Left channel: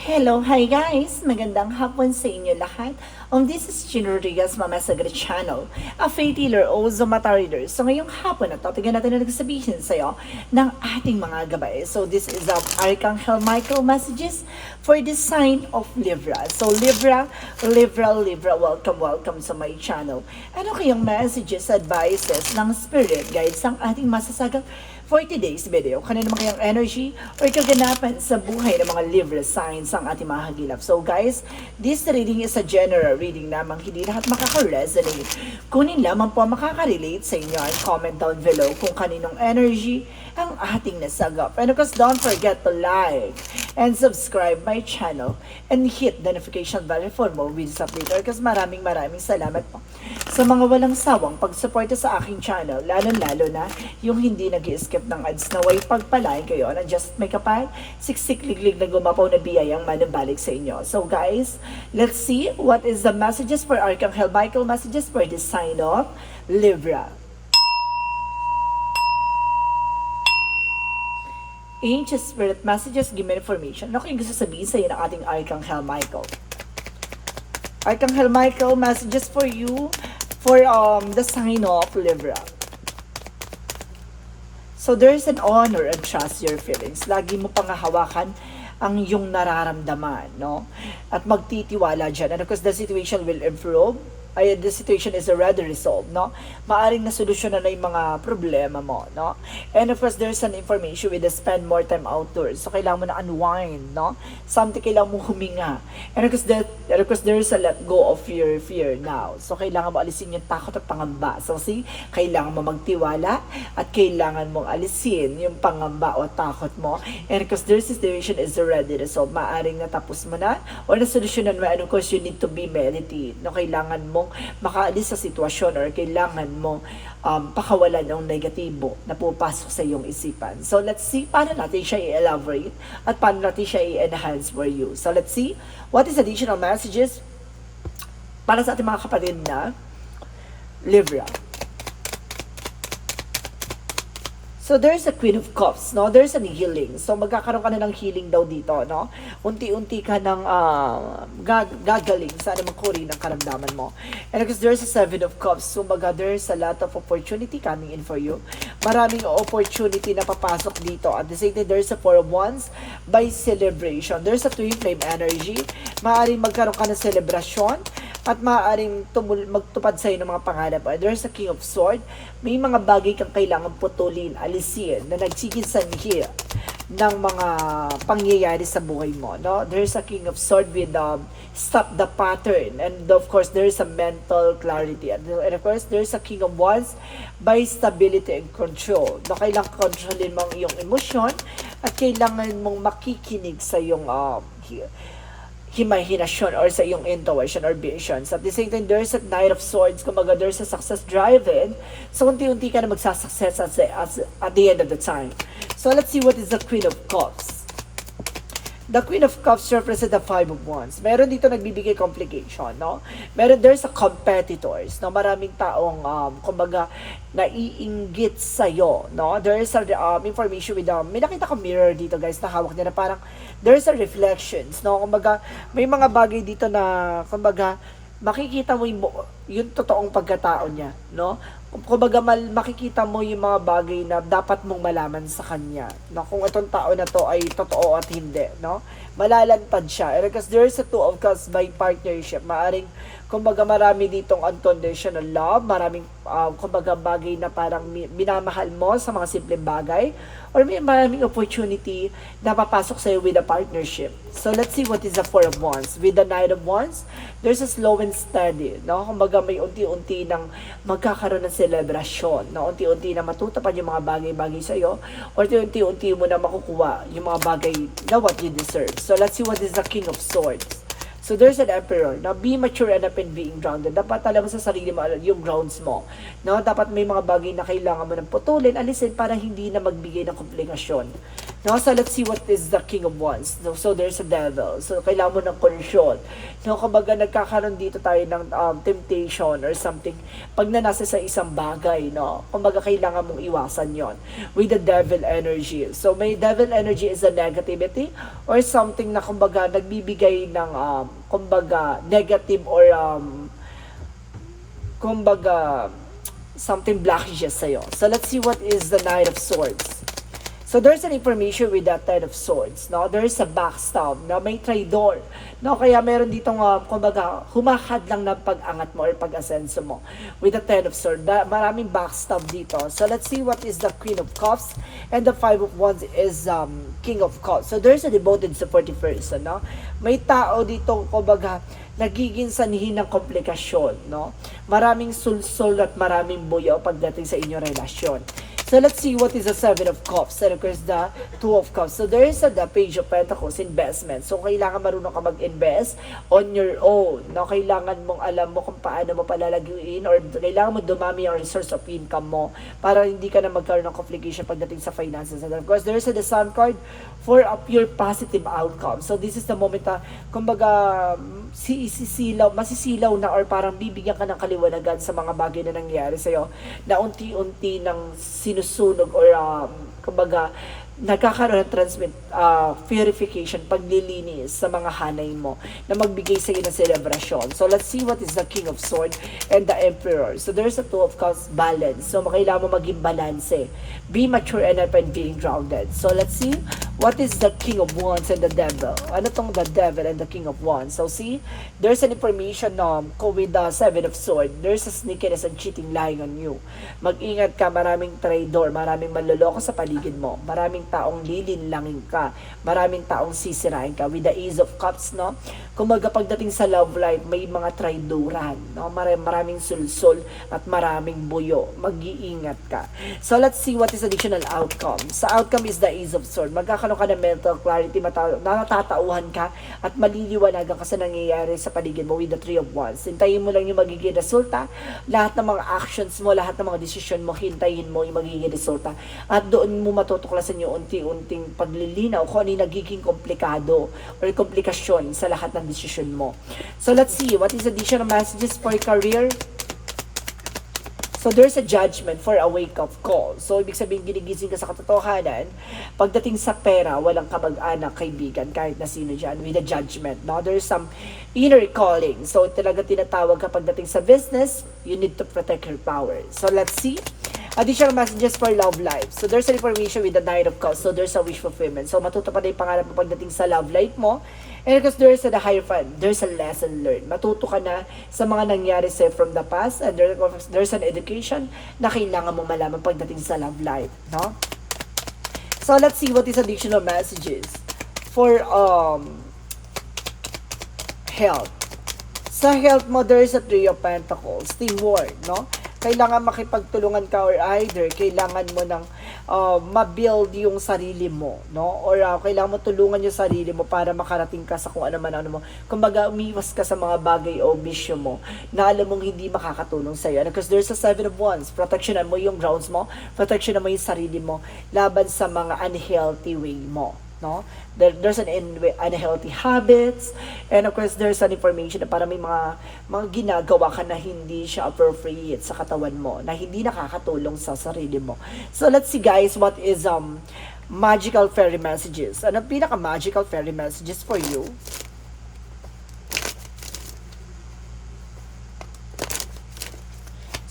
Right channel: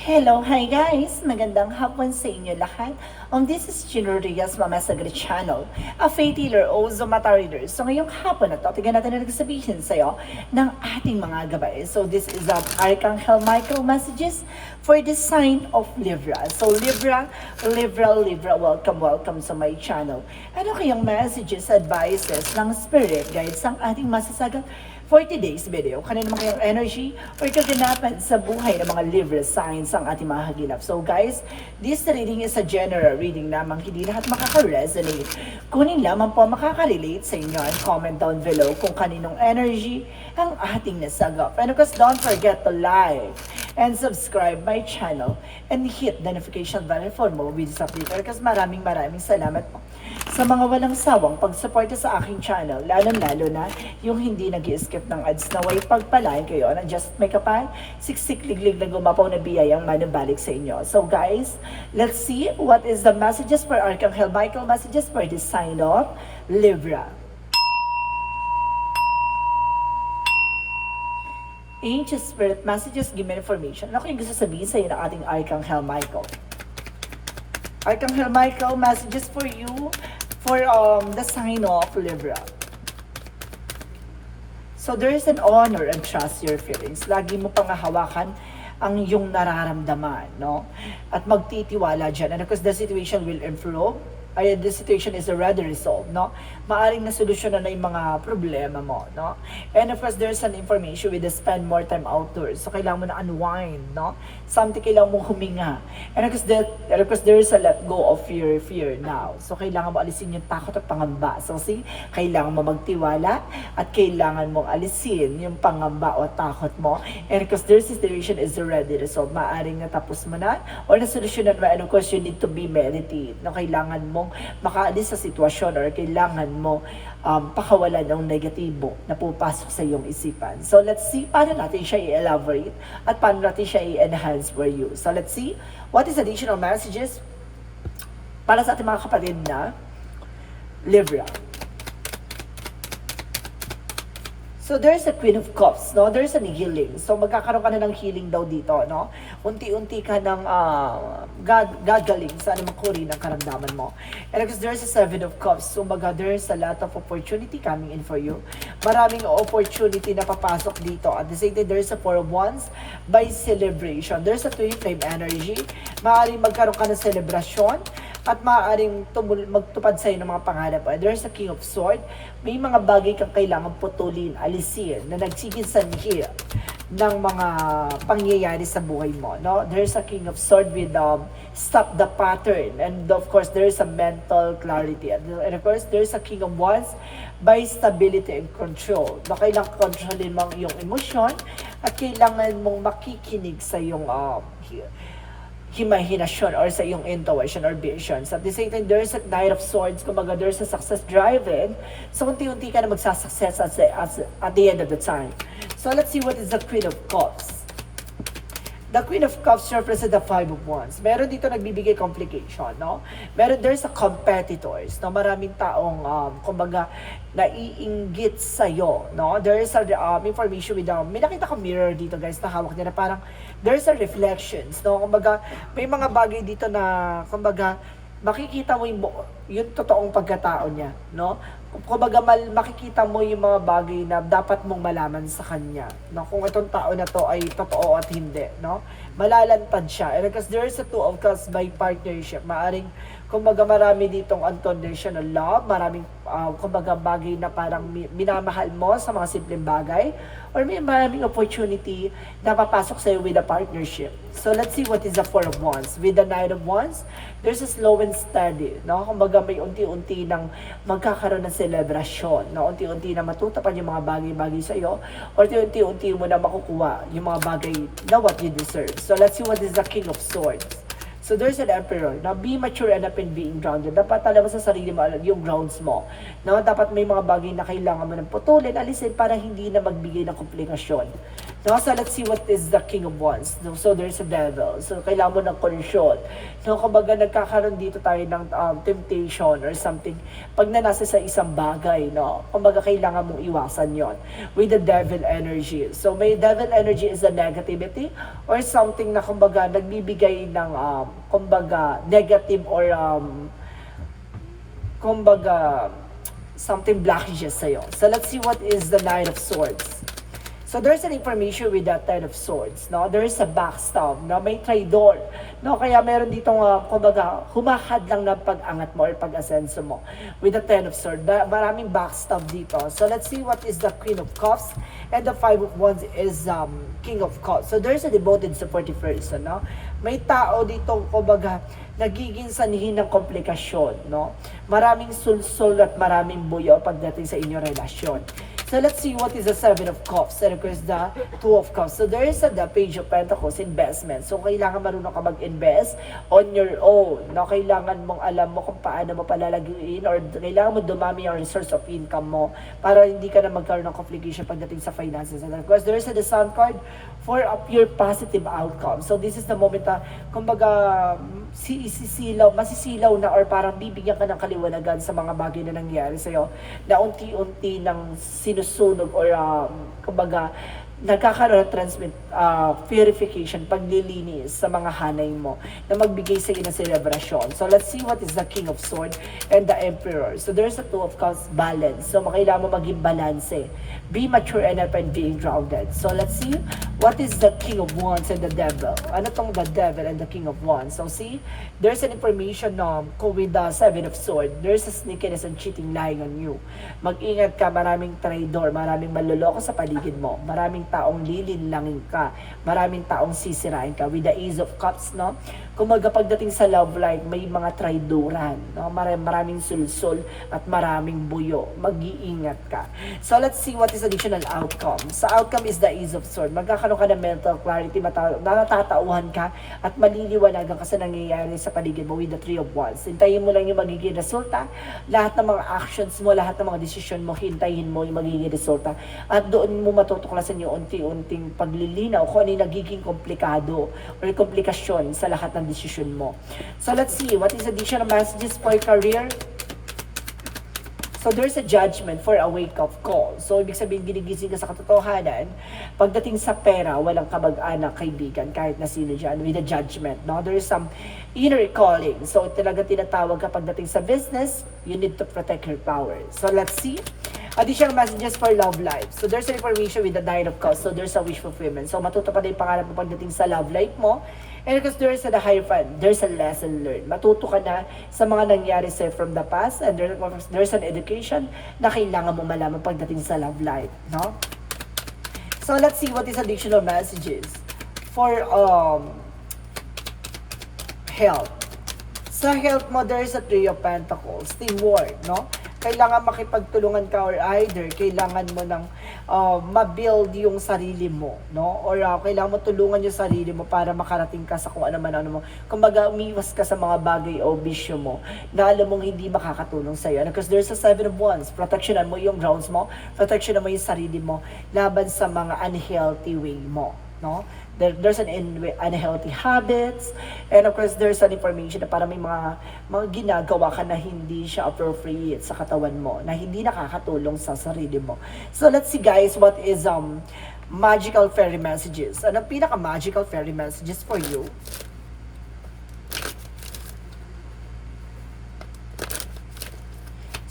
Hello, hi guys! Magandang hapon sa inyo lahat. Um, this is Gino Rodriguez, Mama Sagre Channel, a faith healer o Zumata reader. So ngayong hapon na to, tignan natin na nagsabihin sa'yo ng ating mga gabay. So this is um, Archangel Michael messages for the sign of Libra. So Libra, Libra, Libra, welcome, welcome sa my channel. Ano kayong messages, advices ng Spirit Guides ang ating masasagang for today's video, kanina naman kayang energy or kaganapan sa buhay ng mga Libra signs ang ating mga hagilap. So guys, this reading is a general reading lamang, hindi lahat makaka-resonate. Kunin lamang po makaka-relate sa inyo and comment down below kung kaninong energy ang ating nasagap. And of course, don't forget to like and subscribe my channel and hit the notification bell for more videos update. Kasi maraming maraming salamat po sa mga walang sawang pagsuporta sa aking channel, lalo-lalo na yung hindi nag skip ng ads na way pagpalain kayo na just may kapal, siksik liglig na gumapaw na biyayang manubalik sa inyo. So guys, let's see what is the messages for Archangel Michael messages for the sign of Libra. Ancient Spirit Messages, give me information. Ano kayong gusto sabihin sa ng ating Archangel Michael? Archangel Michael, messages for you for um the sign of Libra. So there is an honor and trust your feelings. Lagi mo pang hawakan ang iyong nararamdaman, no? At magtitiwala dyan. And because the situation will improve, ay the situation is already resolved, no? Maaring nasolusyonan na yung mga problema mo, no? And of course, there's an information with the spend more time outdoors. So, kailangan mo na unwind, no? Something kailangan mo huminga. And of course, that, and of course, there's a let go of your fear now. So, kailangan mo alisin yung takot at pangamba. So, see, kailangan mo magtiwala at kailangan mong alisin yung pangamba o takot mo. And of course, their situation is already resolved. Maaring natapos mo na or nasolusyonan mo. And of course, you need to be meditate. No? Kailangan mong makaalis sa sitwasyon or kailangan mo um, pakawalan ng negatibo na pupasok sa iyong isipan. So, let's see paano natin siya i-elaborate at paano natin siya i-enhance for you. So, let's see what is additional messages para sa ating mga kapatid na Libra. So there's a Queen of Cups, no? There's an healing. So magkakaroon ka na ng healing daw dito, no? Unti-unti ka ng uh, gag gagaling sa anumang kuri ng karamdaman mo. And because there's a Seven of Cups, so maga there's a lot of opportunity coming in for you. Maraming opportunity na papasok dito. At the same time, there's a Four of Wands by celebration. There's a Twin Flame energy. Maaaring magkaroon ka ng celebration at maaaring tumul magtupad sa'yo ng mga pangarap. And there's a King of Sword. May mga bagay kang kailangan putulin, alisin, na nagsigisanhi ng mga pangyayari sa buhay mo. No? There's a King of Sword with um, stop the pattern. And of course, there's a mental clarity. And, and of course, there's a King of Wands by stability and control. No, kailangan kontrolin mo ang iyong emosyon at kailangan mong makikinig sa iyong uh, imahinasyon or sa iyong intuition or visions. At the same time, there's a Knight of Swords, kumbaga there's a success driven. So, unti-unti ka na magsasuccess at, at, at the end of the time. So, let's see what is the Queen of Cups. The Queen of Cups represent the Five of Wands. Meron dito nagbibigay complication, no? Meron, there's a competitors, no? Maraming taong, um, kumbaga, naiinggit sa'yo, no? There is a um, information with, um, may nakita ko mirror dito, guys, na hawak nila. Parang, there's a reflections, no? Kumbaga, may mga bagay dito na, kumbaga, makikita mo yung, yung totoong pagkatao niya, no? Kumbaga, mal, makikita mo yung mga bagay na dapat mong malaman sa kanya, no? Kung itong tao na to ay totoo at hindi, no? Malalantad siya. And because there is a two of cups by partnership, maaring, kumbaga, marami ditong unconditional love, maraming, uh, kumbaga, bagay na parang minamahal mo sa mga simpleng bagay, or may maraming opportunity na papasok sa'yo with a partnership. So, let's see what is the Four of Wands. With the Knight of Wands, there's a slow and steady, no? Kumbaga, may unti-unti ng magkakaroon ng selebrasyon, no? Unti-unti na matutupad yung mga bagay-bagay sa'yo, or unti-unti mo na makukuha yung mga bagay na what you deserve. So, let's see what is the King of Swords. So there's an emperor. Now, be mature enough in being grounded. Dapat alam mo sa sarili mo yung grounds mo. No? Dapat may mga bagay na kailangan mo ng putulin, alisin para hindi na magbigay ng komplikasyon No, so let's see what is the King of Wands. No, so there's a devil. So kailangan mo ng conscious. No, kumbaga nagkakaroon dito tayo ng um, temptation or something. Pag na nasa sa isang bagay, no, kumbaga kailangan mong iwasan yon with the devil energy. So may devil energy is a negativity or something na kumbaga nagbibigay ng um, kumbaga negative or um, kumbaga something blockages sa'yo. So let's see what is the Knight of Swords. So there's an information with that Knight of Swords, no? There is a backstab, no? May traitor, no? Kaya meron ditong, uh, kumbaga, humahad lang ng pag-angat mo or pag-asenso mo with the Ten of Swords. Da- maraming backstab dito. So let's see what is the Queen of Cups and the Five of Wands is um, King of Cups. So there's a devoted supportive person, no? May tao dito, kumbaga, nagiging sanhi ng komplikasyon, no? Maraming sulsol at maraming buyo pagdating sa inyong relasyon. So let's see what is the Seven of Cups and of course the Two of Cups. So there is a the Page of Pentacles, investment. So kailangan marunong ka mag-invest on your own. No? Kailangan mong alam mo kung paano mo palalagyan or kailangan mo dumami ang resource of income mo para hindi ka na magkaroon ng complication pagdating sa finances. And of course, there is a the Sun card for a pure positive outcome. So this is the moment na, kumbaga, si isisilaw, masisilaw na or parang bibigyan ka ng kaliwanagan sa mga bagay na nangyari sa'yo na unti-unti ng sinusunog or um, kumbaga nagkakaroon ng transmit uh, purification, paglilinis sa mga hanay mo na magbigay sa iyo ng celebration. So let's see what is the King of Swords and the Emperor. So there's a Two of Cups balance. So kailangan mo maging balance. Be mature enough and being grounded. So let's see what is the King of Wands and the Devil. Ano tong the Devil and the King of Wands? So see, there's an information um, ko with the Seven of Swords. There's a sneakiness and cheating lying on you. Mag-ingat ka, maraming traitor, maraming manloloko sa paligid mo, maraming taong lilinlangin ka, maraming taong sisirain ka with the Ace of Cups, no? Kumaga pagdating sa love life, may mga traidoran, no? Maraming, sulsul at maraming buyo. Mag-iingat ka. So let's see what is additional outcome. Sa outcome is the Ace of Swords. Magkakaroon ka ng mental clarity, natatauhan ka at maliliwanagan ka sa nangyayari sa paligid mo with the Three of Wands. Hintayin mo lang yung magiging resulta. Lahat ng mga actions mo, lahat ng mga decision mo, hintayin mo yung magiging resulta. At doon mo matutuklasan yung unti-unting paglilinaw kung ano yung nagiging komplikado or komplikasyon sa lahat ng desisyon mo. So let's see, what is additional messages for career? So there's a judgment for a wake-up call. So ibig sabihin ginigising ka sa katotohanan. Pagdating sa pera, walang kamag-anak, kaibigan, kahit na sino dyan, with a judgment. No? There's some inner calling. So talaga tinatawag ka pagdating sa business, you need to protect your power. So let's see. Additional messages for love life. So there's an information with the Nine of Cups. So there's a wish fulfillment. So matutupad yung pangarap mo pagdating sa love life mo. And because there's a the higher fun, there's a lesson learned. Matuto ka na sa mga nangyari sa'yo from the past and there- there's an education na kailangan mo malaman pagdating sa love life. No? So let's see what is additional messages for um health. Sa health mo, there is a Three of Pentacles, teamwork, no? Kailangan makipagtulungan ka or either kailangan mo ng uh, ma-build yung sarili mo, no? Or uh, kailangan mo tulungan yung sarili mo para makarating ka sa kung ano man ano mo. Kumbaga, umiwas ka sa mga bagay o bisyo mo na alam mong hindi makakatulong sa'yo. Because there's a seven of wands. Protectionan mo yung grounds mo, protectionan mo yung sarili mo laban sa mga unhealthy way mo, no? There, there's an unhealthy habits. And of course there's an information na para may mga mga ginagawa ka na hindi siya appropriate sa katawan mo na hindi nakakatulong sa sarili mo. So let's see guys what is um magical fairy messages. Ano pinaka magical fairy messages for you?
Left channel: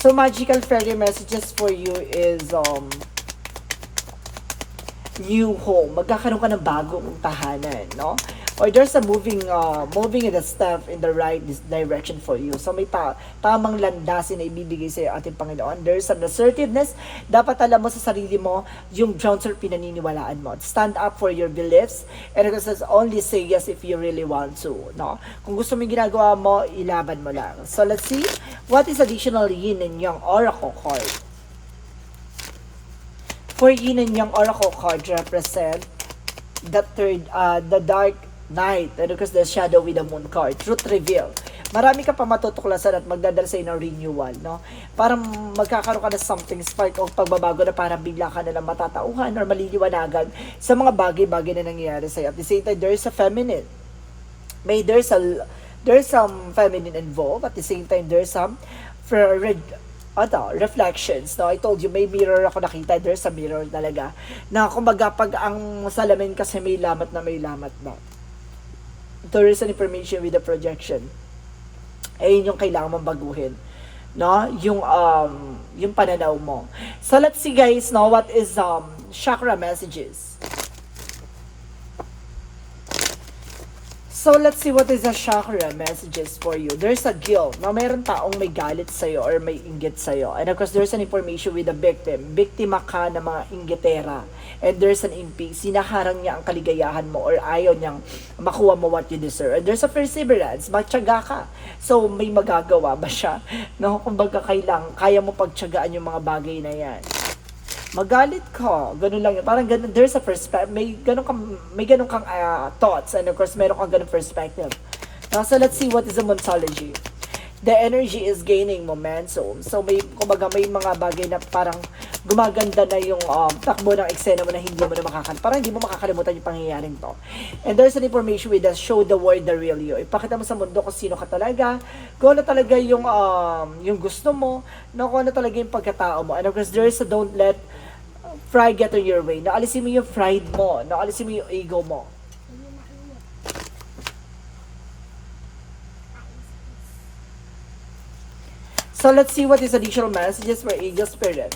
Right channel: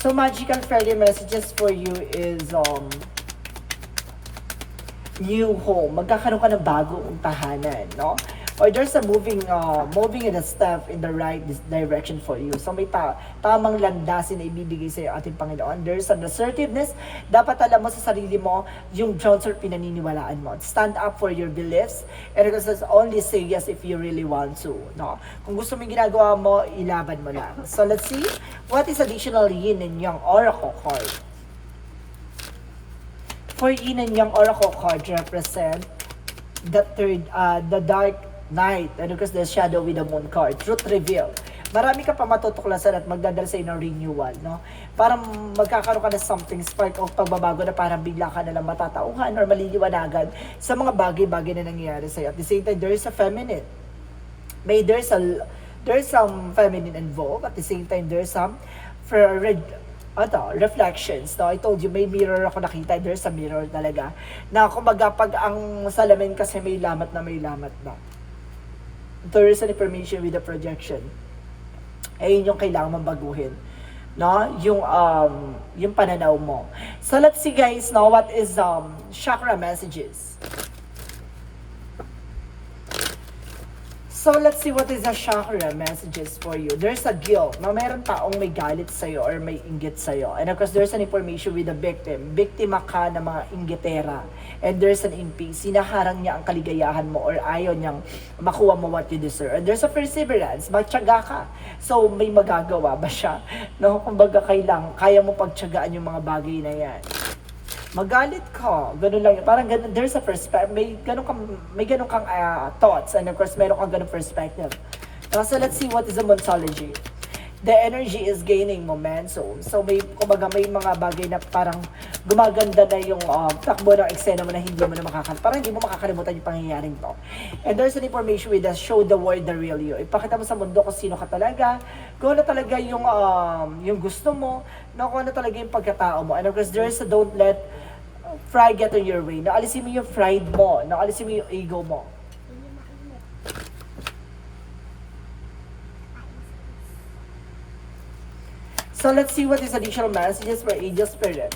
So magical fairy messages for you is um new home, magkakaroon ka ng bagong tahanan, no? Or there's a moving, uh, moving in a step in the right direction for you. So may ta tamang landasin na ibibigay sa ating Panginoon. There's an assertiveness. Dapat alam mo sa sarili mo yung grounds or pinaniniwalaan mo. Stand up for your beliefs. And it says only say yes if you really want to, no? Kung gusto mo yung ginagawa mo, ilaban mo lang. So let's see, what is additional yin and yang oracle card? For yin and yang oracle card represent the third, uh, the dark night, and because the shadow with the moon card, truth reveal. marami ka pa matutuklasan at magdadala sa ng renewal, no? Parang magkakaroon ka ng something spark o pagbabago na parang bigla ka na lang matatauhan or maliliwanagan sa mga bagay-bagay na nangyayari sa'yo. At the same time, there is a feminine. May there's a there's some feminine involved. At the same time, there's some for ano, reflections. No? I told you, may mirror ako nakita. There's a mirror talaga. Na kumbaga, pag ang salamin kasi may lamat na may lamat na. There is an information with the projection. Ayun yung kailangan mong baguhin. No? Yung, um, yung pananaw mo. So let's see guys, no? What is um, chakra messages? So let's see what is the chakra messages for you. There's a guilt. No, mayroon taong may galit sa'yo or may inggit sa'yo. And of course, there's an information with the victim. Biktima ka ng mga inggitera. And there's an impi. Sinaharang niya ang kaligayahan mo or ayaw niyang makuha mo what you deserve. And there's a perseverance. Magtyaga ka. So, may magagawa ba siya? No, kumbaga kailang, kaya mo pagtyagaan yung mga bagay na yan magalit ka. Ganun lang. Parang ganun, there's a perspective, may ganun kang, may ganun kang ah, thoughts and of course meron kang ganun perspective. So let's see what is the ontology. The energy is gaining momentum. So may, kumbaga may mga bagay na parang gumaganda na yung um, takbo ng eksena mo na hindi mo na makakalimutan. Parang hindi mo makakalimutan yung pangyayaring to. And there's an information with us, show the world the real you. Ipakita mo sa mundo kung sino ka talaga, kung ano talaga yung, um, yung gusto mo, no, kung ano talaga yung pagkatao mo. And of course, there a don't let pride get in your way. Naalisin mo yung pride mo. Naalisin mo yung ego mo. So let's see what is additional messages for angel spirit.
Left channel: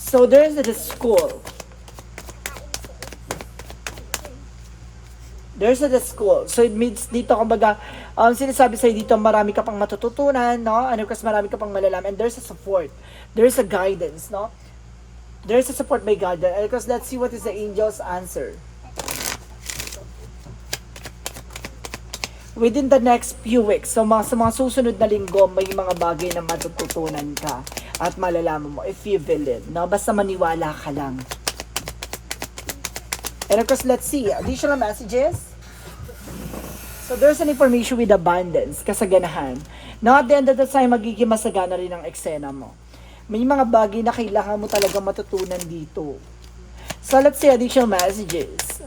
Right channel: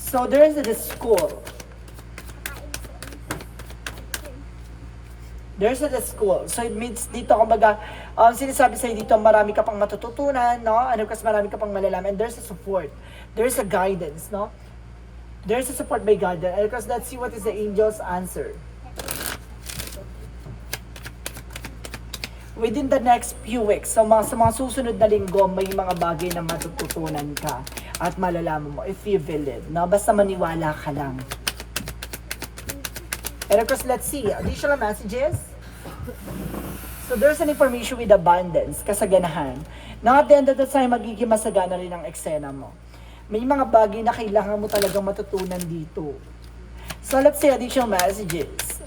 So there's a school. There's a school. So it means dito, kumbaga, ang sinasabi sa'yo dito, marami ka pang matututunan, no? Ano kasi marami ka pang malalaman. And there's a support. There's a guidance, no? There's a support by God. And because let's see what is the angel's answer. Within the next few weeks, so mga, sa mga susunod na linggo, may mga bagay na matututunan ka at malalaman mo if you believe, no? Basta maniwala ka lang. And of course, let's see, additional messages. So there's an information with abundance, kasaganahan. Now at the end of the time, magiging masagana rin ang eksena mo. May mga bagay na kailangan mo talagang matutunan dito. So let's say additional messages.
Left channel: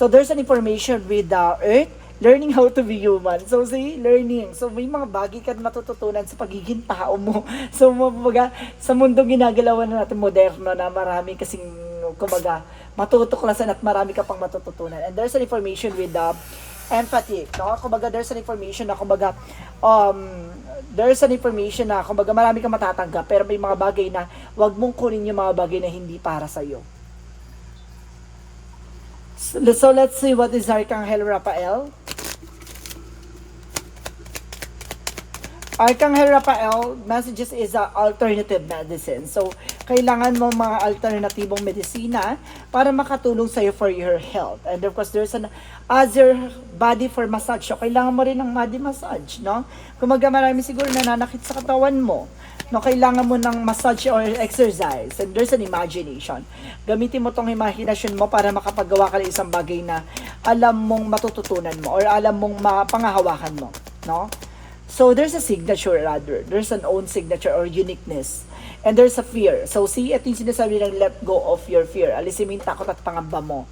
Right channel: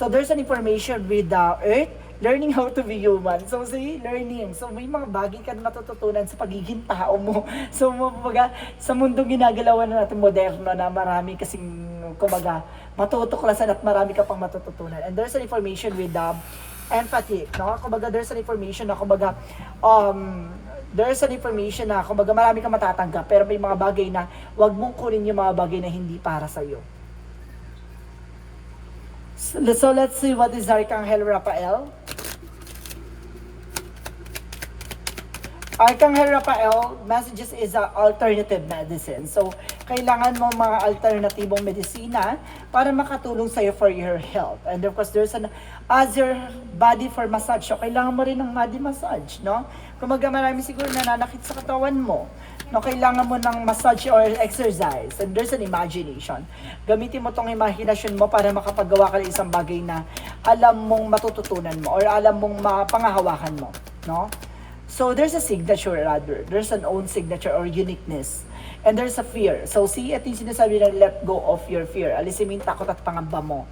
So there's an information with the earth, learning how to be human. So see, learning. So may mga bagay ka matututunan sa pagiging tao mo. So mga sa mundong ginagalawan na natin moderno na marami kasing kumbaga matutuklasan at marami ka pang matututunan. And there's an information with the empathy. No? Kumbaga there's an information na kumbaga um, there's an information na kumbaga marami kang matatanggap pero may mga bagay na wag mong kunin yung mga bagay na hindi para sa iyo. So, let's see what is Archangel Raphael. Archangel Raphael, messages is a alternative medicine. So, kailangan mo mga alternatibong medisina para makatulong sa'yo for your health. And of course, there's an other body for massage. So, kailangan mo rin ng body massage, no? Kung maga marami siguro nananakit sa katawan mo, no, kailangan mo ng massage or exercise. And there's an imagination. Gamitin mo tong imagination mo para makapagawa ka ng isang bagay na alam mong matututunan mo or alam mong mapangahawakan mo, no? So there's a signature rather. There's an own signature or uniqueness. And there's a fear. So see, ito yung sinasabi ng let go of your fear. Alisin mo yung takot at pangamba mo.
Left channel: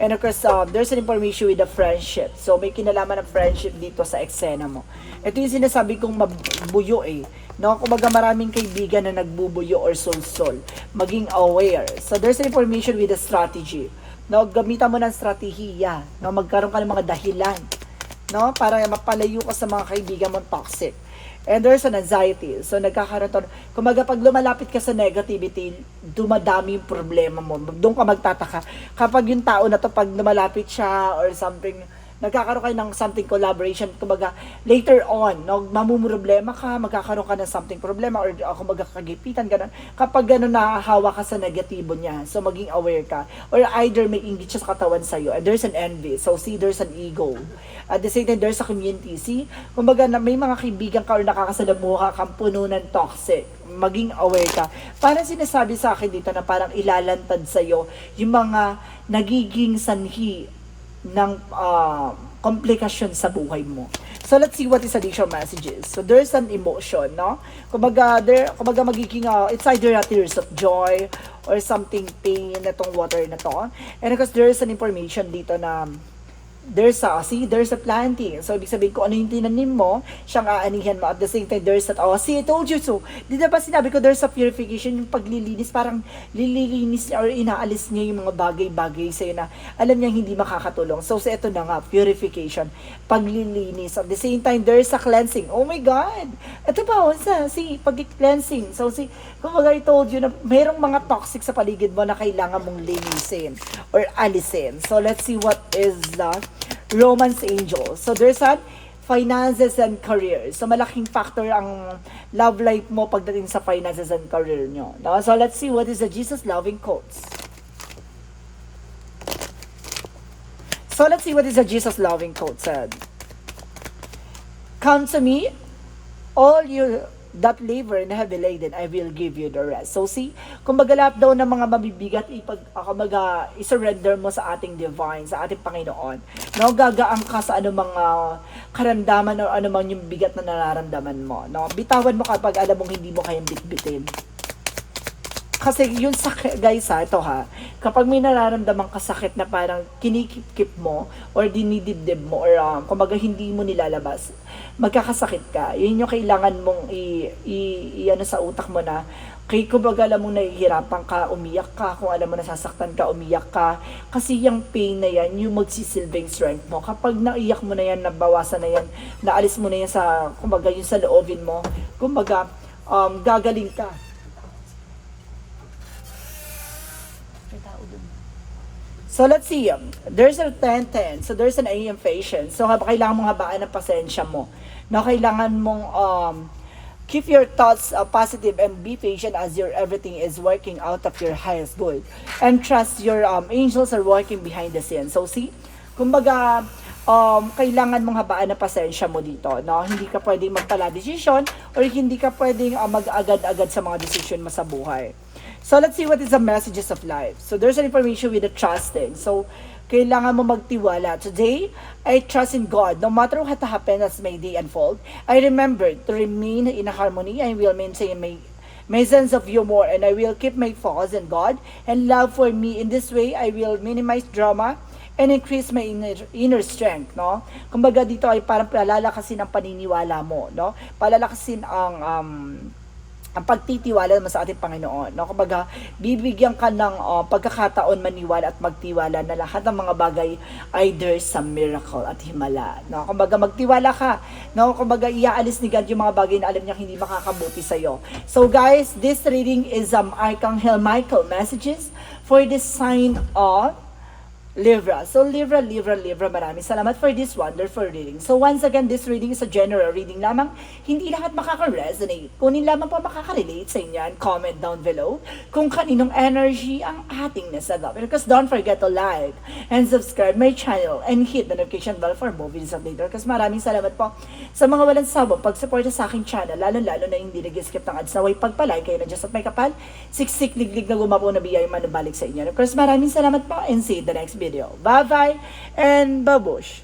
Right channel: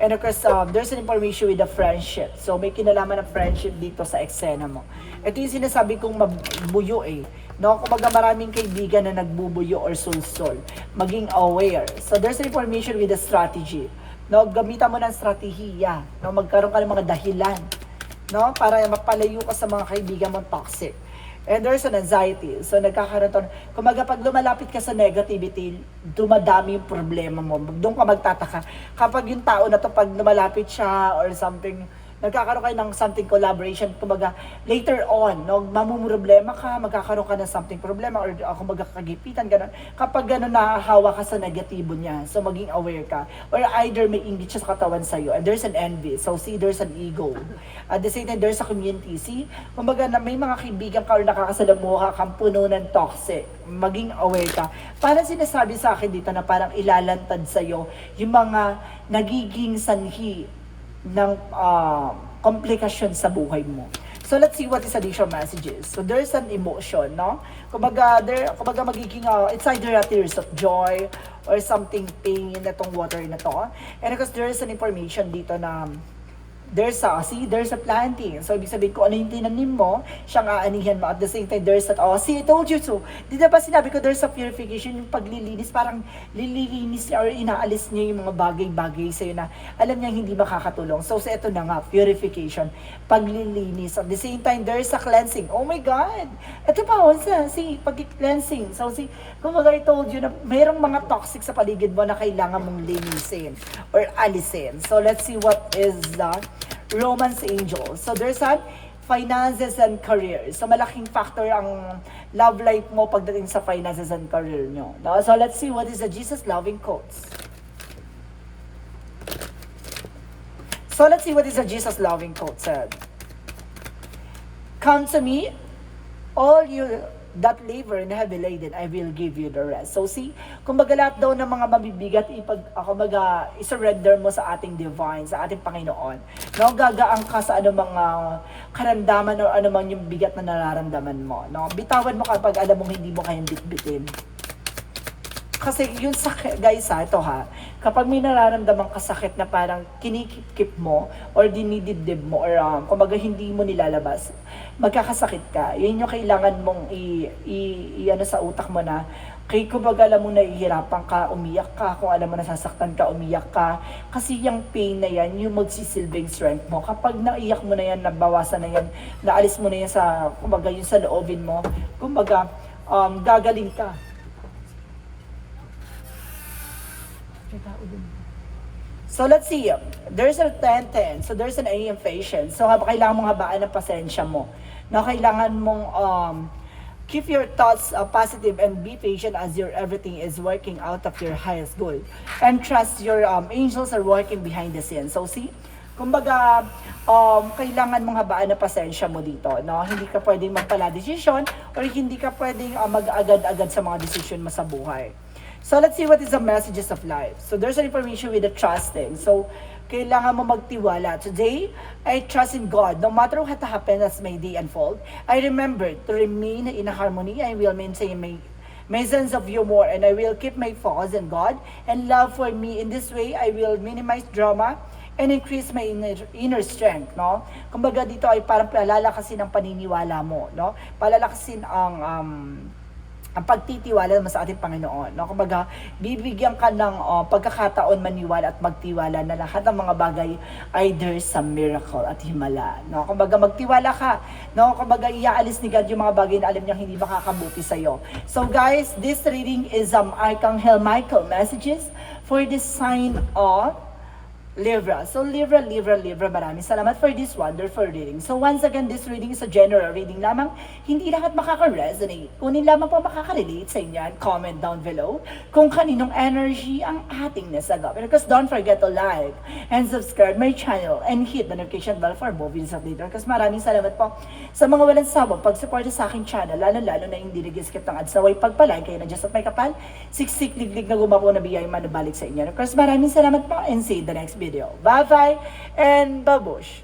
And of course, um, there's an information with the friendship. So may kinalaman ng friendship dito sa eksena mo. Ito yung sinasabi kong mabuyo eh. No, kumbaga maraming kaibigan na nagbubuyo or soul-soul. Maging aware. So there's information with the strategy. No, gamitan mo ng strategiya. No, magkaroon ka ng mga dahilan no? Para mapalayo ka sa mga kaibigan mong toxic. And there's an anxiety. So, nagkakaroon to. Kumaga, pag lumalapit ka sa negativity, dumadami yung problema mo. Doon ka magtataka. Kapag yung tao na to, pag lumalapit siya or something, nagkakaroon kayo ng something collaboration, kumbaga, later on, no, mamumroblema ka, magkakaroon ka ng something problema, or uh, kumbaga kagipitan, gano'n. Kapag gano'n nahahawa ka sa negatibo niya, so maging aware ka. Or either may inggit siya sa katawan sa'yo, and there's an envy, so see, there's an ego. At the same time, there's a community, see, kumbaga, na may mga kaibigan ka or nakakasalamuha kang puno ng toxic, maging aware ka. Parang sinasabi sa akin dito na parang ilalantad sa'yo yung mga nagiging sanhi ng ah, komplikasyon sa buhay mo. So let's see what is additional messages. So there's an emotion, no? Kumbaga, there, kumbaga magiging, uh, it's either a tears of joy or something pain na tong water na to. And because there is an information dito na there's a, see, there's a planting. So, ibig sabihin ko, ano yung tinanim mo, siyang aanihan mo. At the same time, there's that, oh, see, I told you so. Di ba sinabi ko, there's a purification, yung paglilinis, parang lililinis niya or inaalis niya yung mga bagay-bagay sa'yo na alam niya hindi makakatulong. So, sa ito na nga, purification, paglilinis. At the same time, there's a cleansing. Oh my God! Ito pa, oh, sa, see, pag-cleansing. So, see, kumbaga I told you na merong mga toxic sa paligid mo na kailangan mong linisin or alisin. So, let's see what is the romance angel. So, there's a finances and career. So, malaking factor ang love life mo pagdating sa finances and career nyo. No? So, let's see what is the Jesus loving quotes. So, let's see what is the Jesus loving quote said. Come to me, all you that labor and heavy laden, I will give you the rest. So see, kumbaga lahat daw ng mga mabibigat, ipag, kumbaga, isurrender mo sa ating divine, sa ating Panginoon. No, gagaan ka sa anumang uh, karamdaman o anumang yung bigat na nararamdaman mo. No? Bitawan mo kapag alam mong hindi mo kayang bitbitin. Kasi yun sa guys ha, ito ha, kapag may nararamdaman kasakit na parang kinikip mo or dinidibdib mo or um, kumbaga hindi mo nilalabas, magkakasakit ka. Yun yung kailangan mong i, i, i ano sa utak mo na kay kumbaga alam mo nahihirapan ka, umiyak ka, kung alam mo nasasaktan ka, umiyak ka. Kasi yung pain na yan, yung magsisilbing strength mo. Kapag naiyak mo na yan, nabawasan na yan, naalis mo na yan sa, kumbaga yun sa loobin mo, kumbaga um, gagaling ka. So let's see. There's a 10-10. So there's an AM patient. So kailangan mong habaan ng pasensya mo. Na kailangan mong um, keep your thoughts uh, positive and be patient as your everything is working out of your highest good. And trust your um, angels are working behind the scenes. So see, kumbaga, um, kailangan mong habaan ng pasensya mo dito. No? Hindi ka pwedeng magpala desisyon or hindi ka pwedeng uh, mag-agad-agad sa mga desisyon mo sa buhay. So let's see what is the messages of life. So there's an information with the trusting. So kailangan mo magtiwala. Today, I trust in God. No matter what happens as may day unfold, I remember to remain in harmony. I will maintain my my sense of humor and I will keep my focus in God and love for me. In this way, I will minimize drama and increase my inner, inner strength, no? Kumbaga dito ay parang palalakasin ang paniniwala mo, no? Palalakasin ang um, ang pagtitiwala mo sa ating Panginoon. No? Kumbaga, bibigyan ka ng uh, pagkakataon maniwala at magtiwala na lahat ng mga bagay ay there's some miracle at himala. No? Kumbaga, magtiwala ka. No? Kumbaga, iaalis ni God yung mga bagay na alam niya hindi makakabuti sa'yo. So guys, this reading is um, Archangel Michael messages for the sign of Libra. So Libra, Libra, Libra, maraming salamat for this wonderful reading. So once again, this reading is a general reading lamang. Hindi lahat makaka-resonate. Kunin lamang po makaka-relate sa inyo and comment down below kung kaninong energy ang ating nasagap. And because don't forget to like and subscribe my channel and hit the notification bell for more videos updated. Because maraming salamat po sa mga walang sabong pag-suporta sa aking channel, lalo-lalo na hindi nag-skip ng ads na way pagpalay kayo na just at may kapal, siksik liglig na gumapo na biyay manabalik sa inyo. Of maraming salamat po and see the next video. Bye-bye and babush!